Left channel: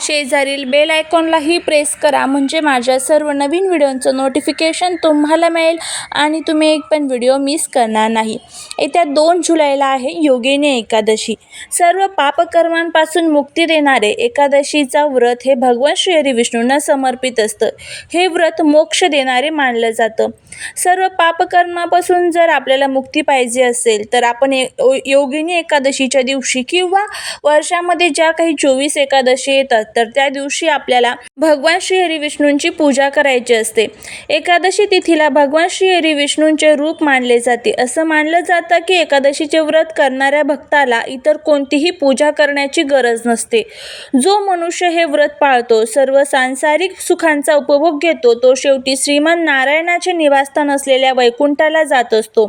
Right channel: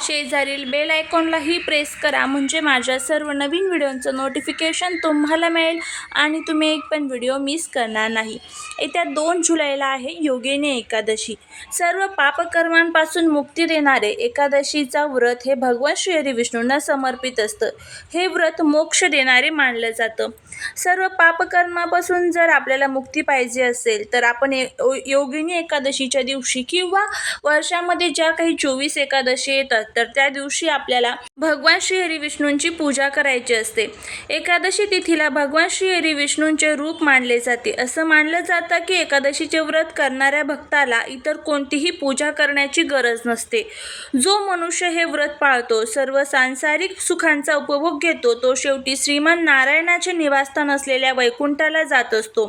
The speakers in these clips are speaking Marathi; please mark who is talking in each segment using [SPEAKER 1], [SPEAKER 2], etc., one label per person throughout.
[SPEAKER 1] शेजारील बेल आयकॉनलाही प्रेस करा. म्हणजे माझ्या सर्व नवीन व्हिडिओंचं नोटिफिकेशन तुम्हाला मिळेल आणि तुम्ही एक पण व्हिडिओ मिस करणार नाही. येत्या दोन जुलैला आहे योगिनी एकादशी. सर्व पापकर्मांपासून मुक्ती देणारे एकादशीचा व्रत हे भगवान श्री हरी विष्णूंना समर्पित असतं. हे व्रत मोक्ष देणारे मानलं जातं. सर्व पापकर्मापासून जर आपल्याला मुक्ती पाहिजे असेल तर आपण ए- योगिनी एकादशीच्या दिवशी किंवा वर्षामध्ये ज्या काही चोवीस एकादशी येतात तर त्या दिवशी आपल्याला भगवान श्री हरी विष्णूंची पूजा करायची असते. एकादशी तिथीला भगवान श्री हरी विष्णूंचे रूप मानले जाते. असं मानलं जातं की एकादशीचे व्रत करणाऱ्या भक्ताला इतर कोणतीही पूजा करण्याची गरज नसते. जो मनुष्य हे व्रत पाळतो सर्व सांसारिक सुखांचा उपभोग घेतो तो शेवटी श्रीमान नारायणाचे निवासस्थान असलेल्या वैकुंठाला जात असतो.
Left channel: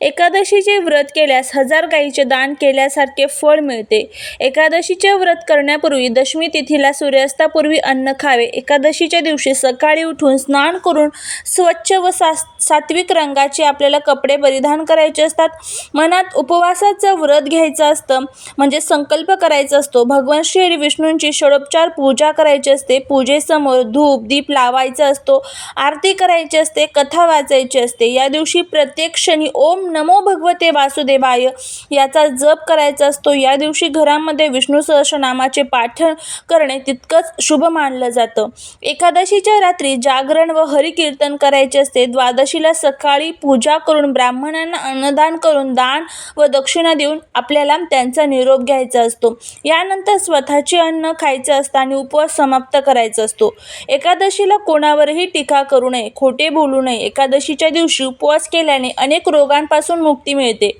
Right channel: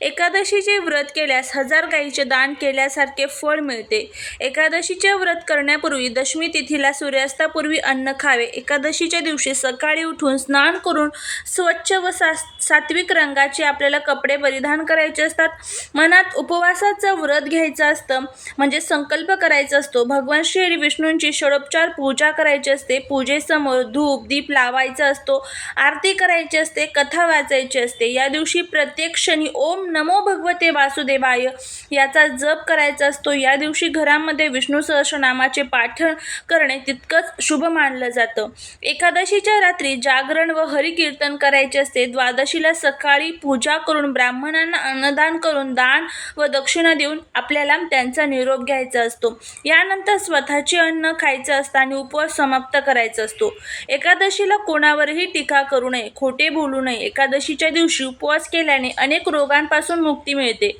[SPEAKER 1] एकादशीचे व्रत केल्यास हजार गाईचे दान केल्यासारखे फळ मिळते. एकादशीचे व्रत करण्यापूर्वी दशमी तिथीला सूर्यास्तापूर्वी अन्न खावे. एकादशीच्या दिवशी सकाळी उठून स्नान करून स्वच्छ व सा सात्विक रंगाचे आपल्याला कपडे परिधान करायचे असतात. मनात उपवासाचं व्रत घ्यायचं असतं म्हणजे संकल्प करायचा असतो. भगवान श्री विष्णूंची षडोपचार पूजा करायची असते. पूजेसमोर धूप दीप लावायचा असतो. आरती करायची असते कथा वाचायची असते. या दिवशी प्रत्येक क्षणी ओम नमो भगवते वासुदेवाय. याचा जप करायचा असतो. या दिवशी घरामध्ये विष्णू सहस्रनामाचे पाठन करणे तितकंच शुभ मानलं जातं. एकादशीच्या रात्री जागरण व हरिकीर्तन करायचे असते. द्वादशीला सकाळी पूजा करून ब्राह्मणांना अन्नदान करून दान व दक्षिणा देऊन आपल्याला त्यांचा निरोप घ्यायचा असतो. यानंतर स्वतःचे अन्न खायचं असतं आणि उपवास समाप्त करायचा असतो. एकादशीला कोणावरही टीका करू नये खोटे बोलू नये. एकादशीच्या दिवशी उपवास केल्याने अनेक रोगांपासून मुक्ती मिळते.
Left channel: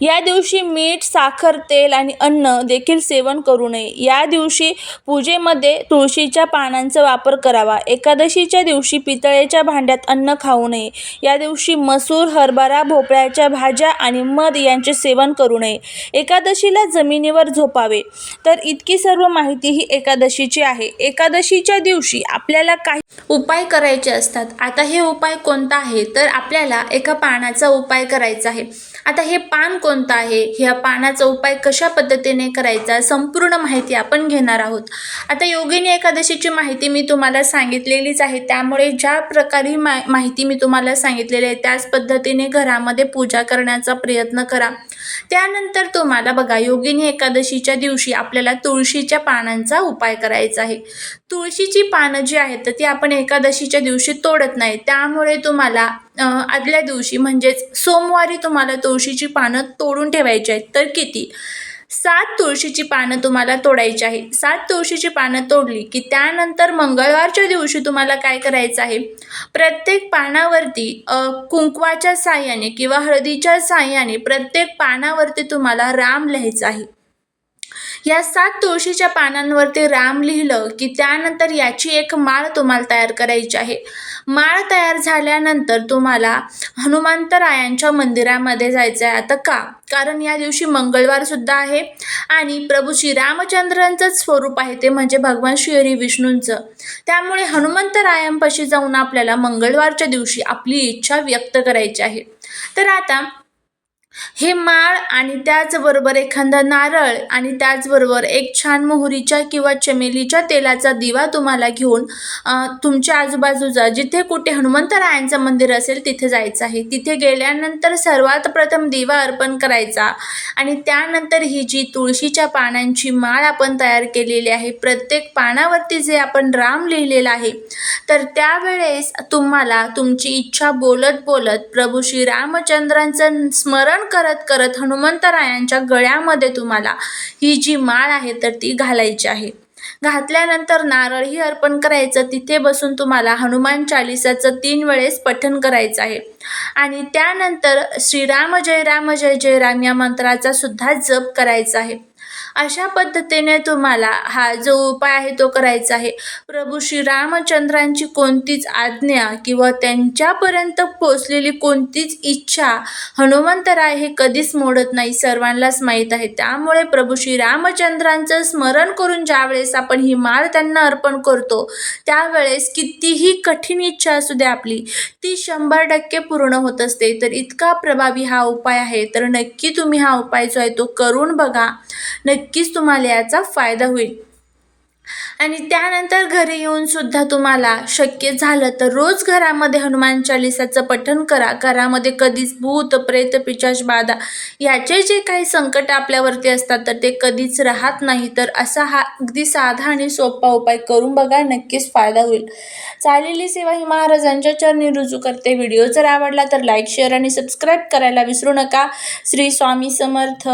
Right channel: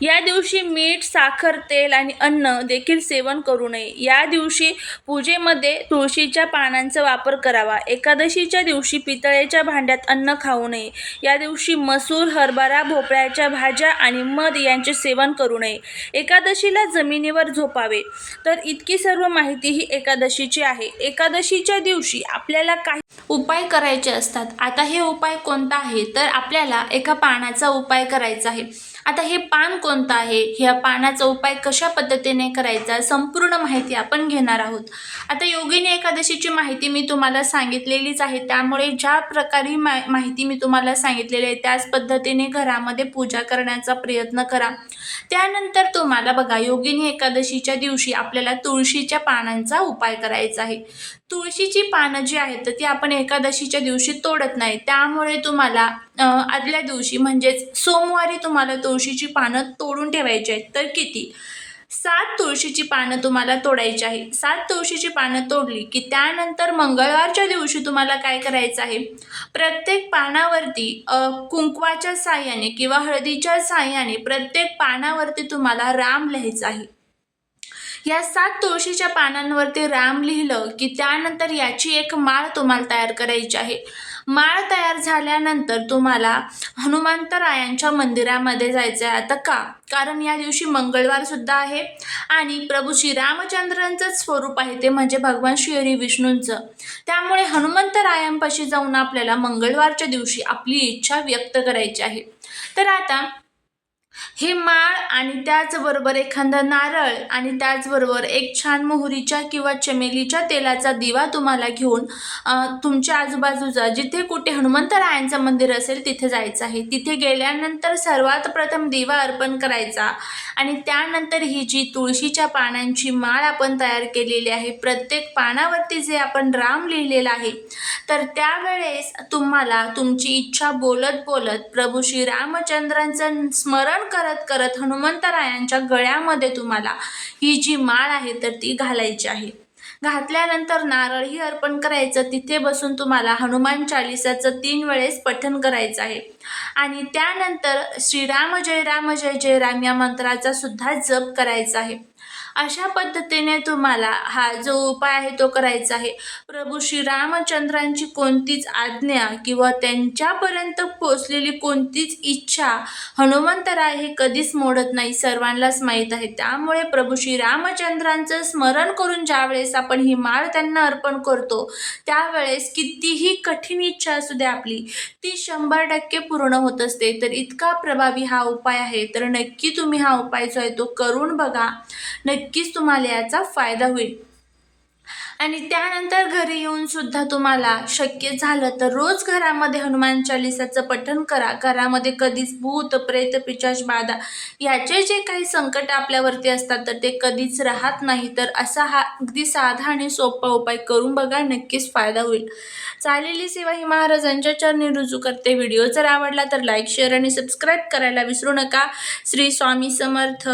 [SPEAKER 1] या दिवशी मीठ साखर तेल आणि अन्न देखील सेवन करू नये. या दिवशी पूजेमध्ये तुळशीच्या पानांचा वापर करावा. एकादशीच्या दिवशी पितळेच्या भांड्यात अन्न खाऊ नये. या दिवशी मसूर हरभरा भोपळ्याच्या भाज्या आणि मध यांचे सेवन करू नये. एकादशीला जमिनीवर झोपावे. तर इतकी सर्व माहिती ही एकादशीची आहे. एकादशीच्या दिवशी आपल्याला काही उपाय करायचे असतात. आता हे उपाय कोणता आहे? तर आपल्याला एका पानाचा उपाय करायचा आहे. आता हे पान कोणतं आहे? ह्या पानाचा उपाय कशा पद्धतीने करायचा? संपूर्ण माहिती आपण घेणार आहोत. आता योगिनी एकादशीची माहिती मी तुम्हाला सांगितलेलीच आहे. त्यामुळे ज्या प्रकारे मा माहिती मी तुम्हाला सांगितलेली आहे त्याच पद्धतीने घरामध्ये पूजा करण्याचा प्रयत्न करा. त्यानंतर तुम्हाला बघा योगिनी एकादशीच्या दिवशी आपल्याला तुळशीच्या पानांचा उपाय करायचा आहे. तुळशीची पानं जी आहेत तर ती आपण एकादशीच्या दिवशी तोडत नाही. त्यामुळे तुम्हाला आदल्या दिवशी म्हणजेच सोमवारी तुम्हाला तुळशीची पानं तोडून ठेवायची आहेत. तर किती? सात तुळशीची पानं तुम्हाला तोडायची आहे. सात तुळशीची पानं तोडली की त्यानंतर मंगळवारच्या दिवशी तुम्हाला काय करायचं आहे? प्रत्येक पानावरती कुंकवाच्या साह्याने किंवा हळदीच्या साह्याने प्रत्येक पानावरती तुम्हाला राम लिहायचं आहे. या सात तुळशीच्या पानांवरती राम लिहिलं की त्यानंतर याची एक माळ तुम्हाला तयार करायची आहे. माळ तयार झाल्यानंतर तुम्हाला हनुमंतरायांच्या मंदिरामध्ये जायचं आहे. आता का? कारण या दिवशी मंगळवार सुद्धा आहे आणि प्रभू श्रीरामचंद्रांचंच स्वरूप आहे ते म्हणजे भगवान श्रीहरी विष्णूंचं. त्यामुळे हनुमंतरायांपाशी जाऊन आपल्याला मंगळवारच्या दिवशी आपली इच्छा व्यक्त करायची आहे. तर आता हे माळ आणि त्याचबरोबर एखादा नारळ आणि त्याचबरोबर एक छान मोहरीच्या किंवा चमेलीच्या तेलाचा दिवा तुम्हाला घेऊन तुमच्या आजूबाजूचा जिथे कुठे हनुमंतरायांचं मंदिर असेल तिथे जायचं आहे. तिथे गेल्यानंतर सर्वात प्रथम दिवा अर्पण करायचा आणि त्यानंतर ही जी तुळशीच्या पानांची माळ आपण तयार केलेली आहे प्रत्येक पानावरती जे आपण राम लिहिलेलं आहे तर त्यावेळेस तुम्हाला तुमची इच्छा बोलत बोलत प्रभू श्रीरामचंद्रांचं स्मरण करत करत हनुमंतरायांच्या गळ्यामध्ये तुम्हाला ही जी माळ आहे तर ती घालायची आहे. घातल्यानंतर नारळही अर्पण करायचं. तिथे बसून तुम्हाला हनुमान चालिसाचं तीन वेळेस पठण करायचं आहे. आणि त्यानंतर श्रीराम जय राम जय जय राम या मंत्राचा सुद्धा जप करायचा आहे. अशा पद्धतीने तुम्हाला हा जो उपाय आहे तो करायचा आहे. प्रभू श्रीरामचंद्रांची कोणतीच आज्ञा किंवा त्यांच्यापर्यंत पोचलेली कोणतीच इच्छा हनुमंतराय हे कधीच मोडत नाही सर्वांनाच माहीत आहे. त्यामुळे प्रभू श्रीरामचंद्रांचं स्मरण करून ज्यावेळेस आपण ही माळ त्यांना अर्पण करतो त्यावेळेस कितीही कठीण इच्छा असू दे आपली ती शंभर टक्के पूर्ण होत असते. तर इतका प्रभावी हा उपाय आहे. तर नक्की तुम्ही हा उपाय जो आहे तो करून बघा. नक्की नक्कीच तुम्हाला याचा फायदा होईल. आणि त्यानंतर घरी येऊन सुद्धा तुम्हाला शक्य झालं तर रोज घरामध्ये हनुमान चालिसाचं पठण करा. घरामध्ये कधीच भूत प्रेत पिचाश बाधा याचे जे काही संकट आपल्यावरती असतात तर ते कधीच राहत नाही. तर असा हा अगदी साधा आणि सोपा उपाय करून बघा नक्कीच फायदा होईल. चालेली सेवा ही महाराजांच्या चरणी रुजू करते. व्हिडिओ जर आवडला तर लाईक शेअर आणि सबस्क्राईब करायला विसरू नका. श्री स्वामी समर्थ.